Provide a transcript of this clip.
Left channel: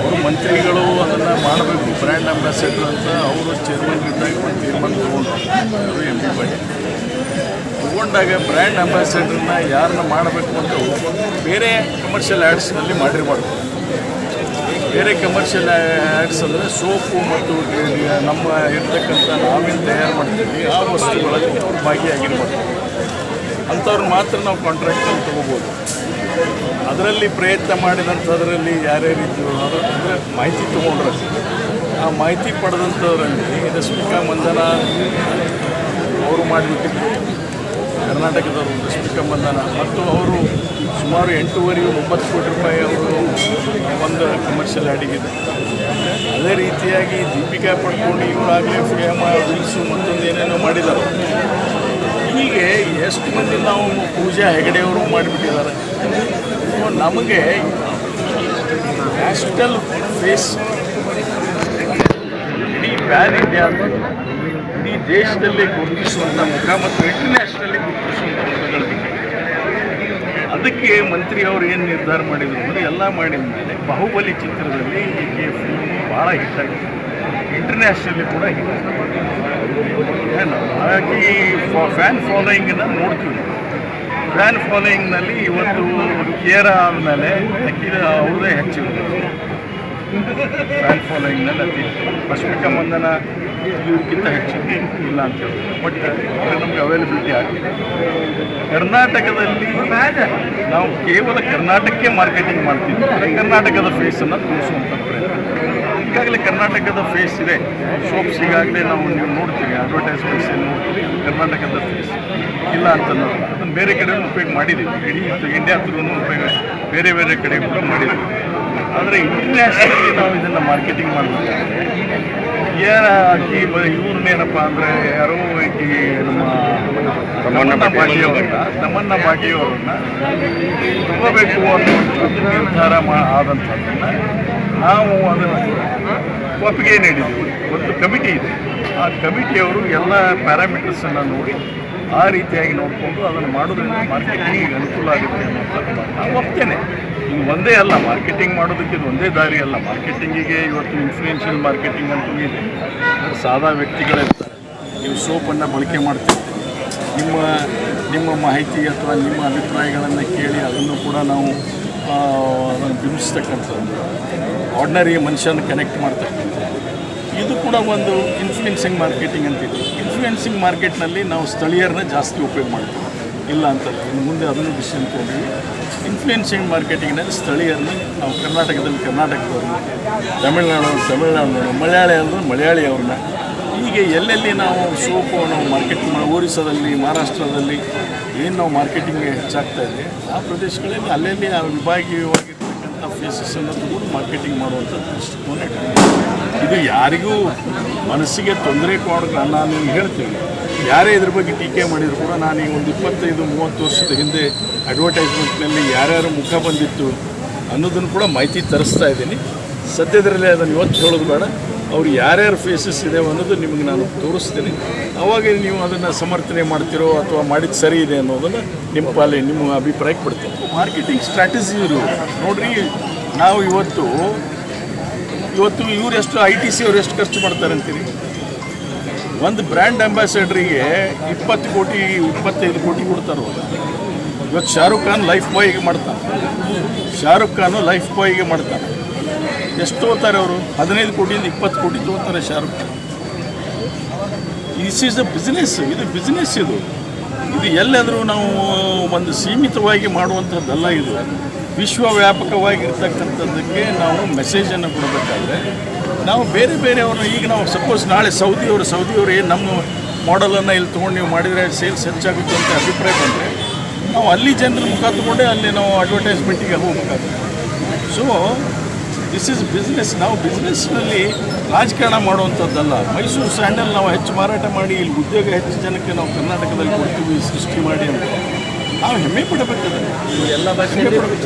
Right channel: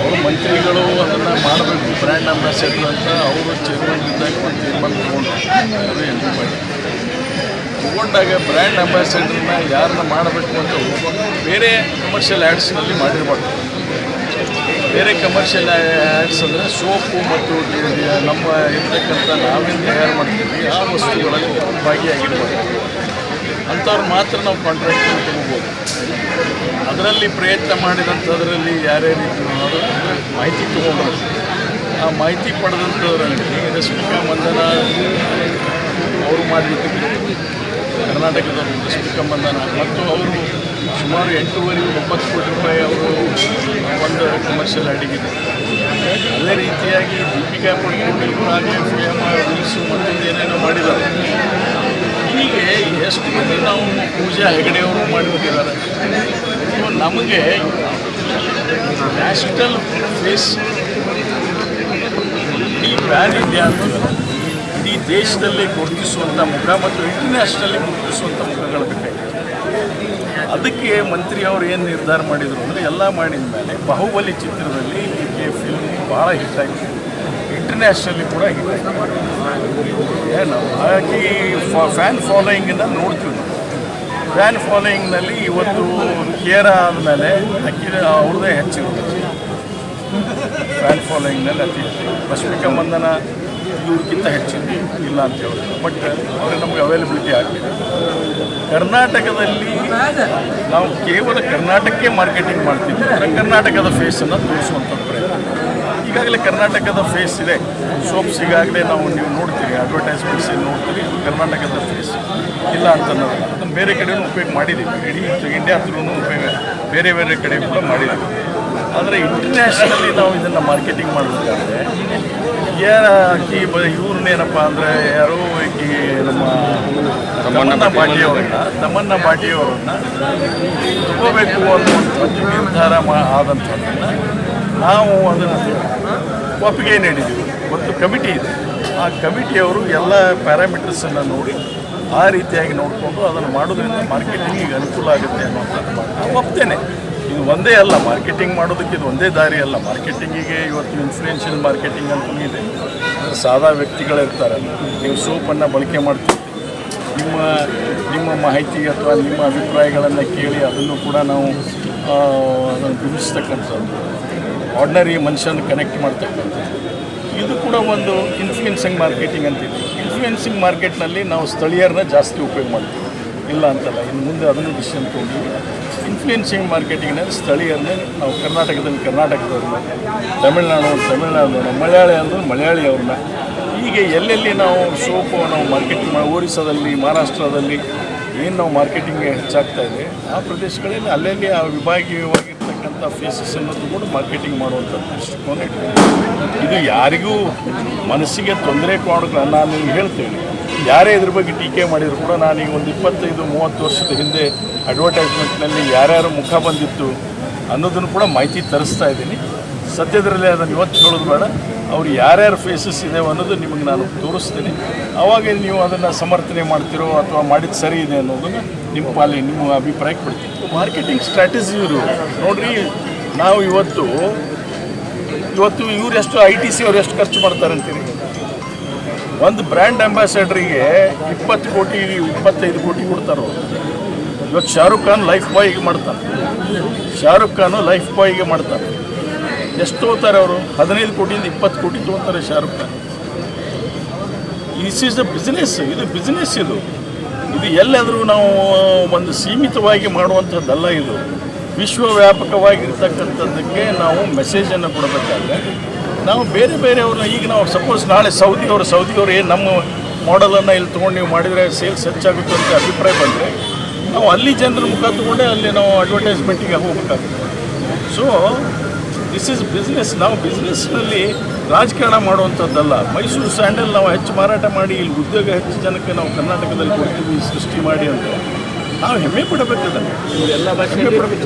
ಅವರು ಮಂತ್ರಿಗಳು ಅದನ್ನು ಮಾಡಬೇಕು, ಬ್ರ್ಯಾಂಡ್ ಅಂಬಾಸಿಡರ್ ಅಂತ ಅವರು ಚೇರ್ಮನ್ ಇದ್ದಾಗ ಒಂದು ತೀರ್ಮಾನ ತೊಗೊಂಡ್ರು ಅವರು ಎಂ ಪಿ ಪಾಟೀಲ್ ತೊಗೊಂಡಾಗ ಬ್ರ್ಯಾಂಡ್ ಅಂಬಾಸಿಡರ್ನ ಯಾರನ್ನ ಮಾಡಬೇಕು ಅಂತ ಬೇರೆ ಕಮರ್ಷಿಯಲ್ ಆ್ಯಡ್ಸ್ನಲ್ಲಿ ಮಾಡಿರಬಾರ್ದು ಬೇರೆ ಕಮರ್ಷಿಯಲ್ ಆ್ಯಡ್ಸ್ ಅಂದರೆ ಸೋಪು ಮತ್ತು ನಮ್ಮ ಇರ್ತಕ್ಕಂಥ ನಾವೇನು ತಯಾರು ಮಾಡ್ತೀವಿ, ಆ ವಸ್ತುಗಳಲ್ಲಿ ಅವ್ರು ಭಾಗಿಯಾಗಿರ್ಬಾರ್ದು ಅಂಥವ್ರು ಮಾತ್ರ ನಾವು ಕಾಂಟ್ರಾಕ್ಟಲ್ಲಿ ತಗೋಬೋದು. ಅದರಲ್ಲಿ ಪ್ರಯತ್ನ ಮಾಡಿದಂಥದ್ರಲ್ಲಿ ಯಾರ್ಯಾರಿದ್ರು ಅದು ಅಂದರೆ ಮಾಹಿತಿ ತೊಗೊಂಡ್ರೆ ಆ ಮಾಹಿತಿ ಪಡೆದಂಥದ್ರಲ್ಲಿ ರಶ್ಮಿಕಾ ಮಂದನ ಅವರು ಮಾಡಿಬಿಟ್ಟಿದ್ರು. ಕರ್ನಾಟಕದವರು ರಶ್ಮಿಕಾ ಮಂದನ. ಮತ್ತು ಅವರು ಸುಮಾರು ಎಂಟೂವರೆ ಒಂಬತ್ತು ಕೋಟಿ ರೂಪಾಯಿ ಅವರು ಒಂದು ಕಮರ್ಷಿಯಲ್ ಆಡಿಗಿದೆ ಅದೇ ರೀತಿಯಾಗಿ ದೀಪಿಕಾ ಪಡ್ಕೊಂಡು ಇವರಾಗಲೇ ಫೇಮ ವಿಲ್ಸು ಮತ್ತೊಂದು ಏನೇನೋ ಮಾಡಿದ್ದಾರೆ. ಎಷ್ಟು ಮಂದಿ ನಾವು ಪೂಜೆ ಹೆಗಡೆಯವರು ಮಾಡಿಬಿಟ್ಟಿದ್ದಾರೆ. ಸೊ ನಮಗೆ ನ್ಯಾಷನಲ್ ಫೇಸ್ ಇಡೀ ಪ್ಯಾನ್ ಇಂಡಿಯಾ ಅಂತೀವಲ್ಲ, ಇಡೀ ದೇಶದಲ್ಲಿ ಗುರುತಿಸುವಂಥ ಮುಖ ಮತ್ತು ಇಂಟರ್ನ್ಯಾಷನಲ್ಲಿ ಗುರುತಿಸುವಂಥ ಮುಖಗಳು ಅದಕ್ಕೆ ಮಂತ್ರಿ ಅವರು ಏನು ನಿರ್ಧಾರ ಮಾಡಿದರು ಅಂದರೆ, ಎಲ್ಲ ಮಾಡಿದ ಮೇಲೆ ಬಾಹುಬಲಿ ಚಿತ್ರದಲ್ಲಿ ಈಕೆ ಫಿಲ್ಮ್ ಭಾಳ ಹಿಟ್ ಆಯಿತು. ಇಂಟರ್ನ್ಯಾಷನಲ್ಲಿ ಕೂಡ ಹಿಟ್ ಆಯಿತು. ಏನು? ಹಾಗಾಗಿ ಫ್ಯಾನ್ ಫಾಲೋಯಿಂಗನ್ನು ನೋಡ್ತೀವಿ ಫ್ಯಾನ್ ಫಾಲೋಯಿಂಗ್ನಲ್ಲಿ ಇವತ್ತು ಕೇರ ಆದಮೇಲೆ ಅಕ್ಕಿ ಅವ್ರದ್ದೇ ಹೆಚ್ಚಿರುತ್ತೆ ಫ್ಯಾನ್ ಫಾಲೋಯಿಂಗ್ನಲ್ಲಿ ಅತಿ ರಶ್ಮಿಕಾ ಮಂದನ ಇವ್ರಿಗಿಂತ ಹೆಚ್ಚಿದೆ ಇಲ್ಲ ಅಂತ ಹೇಳಿದ್ರು ಬಟ್ ಅವ್ರಿಗೆ ನಮಗೆ ಅವೈಲಬಿಲಿಟಿ ಆಗಿದೆ ಕರ್ನಾಟಕದಲ್ಲಿ ನಾವು ಕೇವಲ ಕರ್ನಾಟಕಕ್ಕೆ ಮಾರ್ಕೆಟಿಂಗ್ ಮಾಡ್ತೀವಿ ಕರ್ನಾಟಕದ ಫೇಸನ್ನು ತೋರಿಸುವಂಥ ಪ್ರಯತ್ನ. ಈಗಾಗಲೇ ಕರ್ನಾಟಕದ ಫೇಸ್ ಇದೆ. ಶೋಪ್ಸ್ ಈಗಾಗಲೇ ನಾವು ನೀವು ನೋಡ್ತೀವಿ ಅಡ್ವರ್ಟೈಸ್ಮೆಂಟ್ಸ್ ಏನು ನೋಡ್ತೀವಿ ಅದು ಕರ್ನಾಟಕದ ಫೇಸ್ ಇಲ್ಲ ಅಂತ ಅನ್ನೋದಲ್ಲ ಅದನ್ನು ಬೇರೆ ಕಡೆಯೂ ಉಪಯೋಗ ಮಾಡಿದ್ದೀವಿ. ಇಡೀ ಇಂಡಿಯಾ ಥ್ರೂ ಉಪಯೋಗ ಬೇರೆ ಬೇರೆ ಕಡೆ ಕೂಡ ಮಾಡಿದ್ದೀವಿ. ಆದರೆ ಇಂಟರ್ನ್ಯಾಷನಲಿ ನಾವು ಇದನ್ನು ಮಾರ್ಕೆಟಿಂಗ್ ಮಾಡಬೇಕಾದ್ರೆ ಯಾರ ಆಕಿ ಇವ್ರನ್ನೇನಪ್ಪ ಅಂದರೆ ಯಾರೋ ಈ ನಮ್ಮ ತಮ್ಮಣ್ಣ ಬಾಟಿಯವರನ್ನ ತಮ್ಮಣ್ಣ ಬಾಟಿಯವರನ್ನ ತಗೋಬೇಕು ಅನ್ನುವಂಥದ್ದು ನಿರ್ಧಾರ ಮಾ ಆದಂಥದ್ದನ್ನು ನಾವು ಅದನ್ನು ಒಪ್ಪಿಗೆ ನೀಡಿದ್ದೀವಿ ಒಂದು ಕಮಿಟಿ ಇದೆ. ಆ ಕಮಿಟಿಯವರು ಎಲ್ಲ ಪ್ಯಾರಾಮೀಟರ್ಸನ್ನು ನೋಡಿ, ಆ ರೀತಿಯಾಗಿ ನೋಡಿಕೊಂಡು ಅದನ್ನು ಮಾಡೋದ್ರಿಂದ ಮಾರ್ಕೆಟಿಂಗಿಗೆ ಅನುಕೂಲ ಆಗುತ್ತೆ ಅನ್ನುವಂಥದ್ದು ನಾವು ಒಪ್ತೇನೆ. ಇದು ಒಂದೇ ಅಲ್ಲ ಮಾರ್ಕೆಟಿಂಗ್ ಮಾಡೋದಕ್ಕೆ ಇದು ಒಂದೇ ದಾರಿ ಅಲ್ಲ. ಮಾರ್ಕೆಟಿಂಗಿಗೆ ಇವತ್ತು ಇನ್ಫ್ಲೂಯೆನ್ಷಿಯಲ್ ಮಾರ್ಕೆಟಿಂಗ್ ಅಂತಲೂ ಇದೆ. ಅಂದರೆ ಸಾದಾ ವ್ಯಕ್ತಿಗಳಿರ್ತಾರೆ ನೀವು ಸೋಪನ್ನು ಬಳಕೆ ಮಾಡ್ತಿರ್ತೀವಿ ನಿಮ್ಮ ನಿಮ್ಮ ಮಾಹಿತಿ ಅಥವಾ ನಿಮ್ಮ ಅಭಿಪ್ರಾಯಗಳನ್ನು ಕೇಳಿ ಅದನ್ನು ಕೂಡ ನಾವು ಅದನ್ನು ಬಿಂಬಿಸ್ತಕ್ಕಂಥದ್ದು. ಆರ್ಡಿನರಿ ಮನುಷ್ಯನ ಕನೆಕ್ಟ್ ಮಾಡ್ತಕ್ಕಂಥದ್ದು. ಇದು ಕೂಡ ಒಂದು ಇನ್ಫ್ಲೂಯೆನ್ಸಿಂಗ್ ಮಾರ್ಕೆಟಿಂಗ್ ಅಂತಿದೆ. ಇನ್ಫ್ಲೂಯೆನ್ಸಿಂಗ್ ಮಾರ್ಕೆಟ್ನಲ್ಲಿ ನಾವು ಸ್ಥಳೀಯರನ್ನ ಜಾಸ್ತಿ ಉಪಯೋಗ ಮಾಡ್ತೀವಿ. ಇಲ್ಲ ಅಂತಲ್ಲ, ಇನ್ನು ಮುಂದೆ ಅದನ್ನು ಡಿಸಿಷನ್ ತೊಗೊಂಡಿವಿ ಇನ್ಫ್ಲೂಯೆನ್ಸಿಂಗ್ ಮಾರ್ಕೆಟಿಂಗ್ನಲ್ಲಿ ಸ್ಥಳೀಯರನ್ನ ನಾವು ಕರ್ನಾಟಕದಲ್ಲಿ ಕರ್ನಾಟಕದವ್ರನ್ನ ತಮಿಳ್ನಾಡು ತಮಿಳ್ನಾಡು ಮಲಯಾಳಿ ಅಂದ್ರೆ ಮಲಯಾಳಿ ಅವ್ರನ್ನ ಹೀಗೆ ಎಲ್ಲೆಲ್ಲಿ ನಾವು ಸೋಪು ನಾವು ಮಾರ್ಕೆಟಿಂಗ್ ಮಾಡಿ ಒರಿಸ್ಸಾದಲ್ಲಿ, ಮಹಾರಾಷ್ಟ್ರದಲ್ಲಿ ಏನು ನಾವು ಮಾರ್ಕೆಟಿಂಗ್ ಹೆಚ್ಚಾಗ್ತಾ ಇದೆ, ಆ ಪ್ರದೇಶಗಳಲ್ಲಿ ಅಲ್ಲಲ್ಲಿ ಆ ವಿಭಾಗೀಯವಾಗಿರ್ತಕ್ಕಂಥ ಅನ್ನೋದು ಕೂಡ ಮಾರ್ಕೆಟಿಂಗ್ ಮಾಡುವಂಥ ದೃಷ್ಟಿಕೋನ ಇಟ್ಕೊಂಡಿದ್ದೀವಿ. ಇದು ಯಾರಿಗೂ ಮನಸ್ಸಿಗೆ ತೊಂದರೆ ಕೊಡೋಕೆ ನಾನು ಹೇಳ್ತೀನಿ. ಯಾರೇ ಇದ್ರ ಬಗ್ಗೆ ಟೀಕೆ ಮಾಡಿದ್ರು ಕೂಡ ನಾನೀಗ ಒಂದು ಇಪ್ಪತ್ತೈದು, ಮೂವತ್ತು ವರ್ಷದ ಹಿಂದೆ ಅಡ್ವರ್ಟೈಸ್ಮೆಂಟ್ನಲ್ಲಿ ಯಾರ್ಯಾರು ಮುಖ ಬಂದಿತ್ತು ಅನ್ನೋದನ್ನು ಕೂಡ ಮಾಹಿತಿ ತರಿಸ್ತಾ ಇದ್ದೀನಿ. ಸದ್ಯದರಲ್ಲೇ ಅದನ್ನು ಇವತ್ತು ಹೇಳೋದು ಬೇಡ. ಅವ್ರು ಯಾರ್ಯಾರು ಫೇಸಸ್ ಇದೆ ಅನ್ನೋದು ನಿಮಗೆ ನಾನು ತೋರಿಸ್ತೀನಿ. ಆವಾಗ ನೀವು ಅದನ್ನು ಸಮರ್ಥನೆ ಮಾಡ್ತಿರೋ ಅಥವಾ ಮಾಡಿದ ಸರಿ ಇದೆ ಅನ್ನೋದನ್ನು ನಿಮ್ಮ ಪಾಲಿ ನಿಮ್ಮ ಅಭಿಪ್ರಾಯಕ್ಕೆ ಬಿಡ್ತೀನಿ. ಮಾರ್ಕೆಟಿಂಗ್ ಸ್ಟ್ರಾಟಜಿ ಇವರು. ನೋಡ್ರಿ, ನಾವು ಇವತ್ತು ಇವತ್ತು ಇವ್ರು ಎಷ್ಟು ಐ ಟಿ ಸಿ ಅವ್ರು ಎಷ್ಟು ಖರ್ಚು ಮಾಡ್ತಾರೆ ಅಂತೀರಿ? ಒಂದು ಬ್ರ್ಯಾಂಡ್ ಅಂಬಾಸಡರಿಗೆ ಇಪ್ಪತ್ತು ಕೋಟಿ, ಇಪ್ಪತ್ತೈದು ಕೋಟಿ ಕೊಡ್ತಾರೆ? ಇವತ್ತು ಶಾರುಖ್ ಖಾನ್ ಲೈಫ್ ಬಾಯ್ಗೆ ಮಾಡ್ತಾನೆ. ಶಾರುಖ್ ಖಾನು ಲೈಫ್ ಬಾಯ್ಗೆ ಮಾಡ್ತಾನೆ. ಎಷ್ಟು ತೊಗೋತಾರೆ ಅವರು? ಹದಿನೈದು ಕೋಟಿಯಿಂದ ಇಪ್ಪತ್ತು ಕೋಟಿ ತೊಗೋತಾರೆ Shahrukh Khan. This is a business ಇದು ಬಿಸ್ನೆಸ್ ಇದು. ಇದು ಎಲ್ಲಾದರೂ ನಾವು ಒಂದು ಸೀಮಿತವಾಗಿ ಮಾಡುವಂಥದ್ದಲ್ಲ ಇದು. ವಿಶ್ವವ್ಯಾಪಕವಾಗಿರ್ತಕ್ಕಂಥದ್ದಕ್ಕೆ ನಾವು ಮೆಸೇಜನ್ನು ಕೊಡಬೇಕಾದ್ರೆ, ನಾವು ಬೇರೆ ಬೇರೆಯವ್ರನ್ನ ಈಗ ನಾವು ಸಪೋಸ್ ನಾಳೆ ಸೌದಿಯವರು ಸೌದಿಯವರು ಏನು ನಮ್ಮ ಮಾಡಲನ್ನು ಇಲ್ಲಿ ತೊಗೊಂಡು ನೀವು ಮಾಡಿದರೆ ಸೇಲ್ಸ್ ಹೆಚ್ಚಾಗುತ್ತೆ ಅಂತ ಅಭಿಪ್ರಾಯ ಬಂದರೆ, ನಾವು ಅಲ್ಲಿ ಜನರ ಮುಖ ಅಲ್ಲಿ ನಾವು ಅಡ್ವರ್ಟೈಸ್ಮೆಂಟಿಗೆ ಹೋಗಬೇಕಾಗ್ತದೆ ಸೊ ದಿಸ್ ಇಸ್ ಬಿಸ್ನೆಸ್ ನಾವು ಬಿಸ್ನೆಸ್ನಲ್ಲಿ ರಾಜಕಾರಣ ಮಾಡುವಂಥದ್ದಲ್ಲ. ಮೈಸೂರು ಸ್ಯಾಂಡಲ್ ನಾವು ಹೆಚ್ಚು ಮಾರಾಟ ಮಾಡಿ, ಇಲ್ಲಿ ಉದ್ಯೋಗ ಹೆಚ್ಚು ಜನಕ್ಕೆ ನಾವು ಕರ್ನಾಟಕದಲ್ಲಿ ಕೊಡ್ತೀವಿ, ಸೃಷ್ಟಿ ಮಾಡಿ ಅಂತ. ನಾವು ಹೆಮ್ಮೆ ಪಡಬೇಕದ ಹೆಮ್ಮೆ ಪಡಬೇಕು.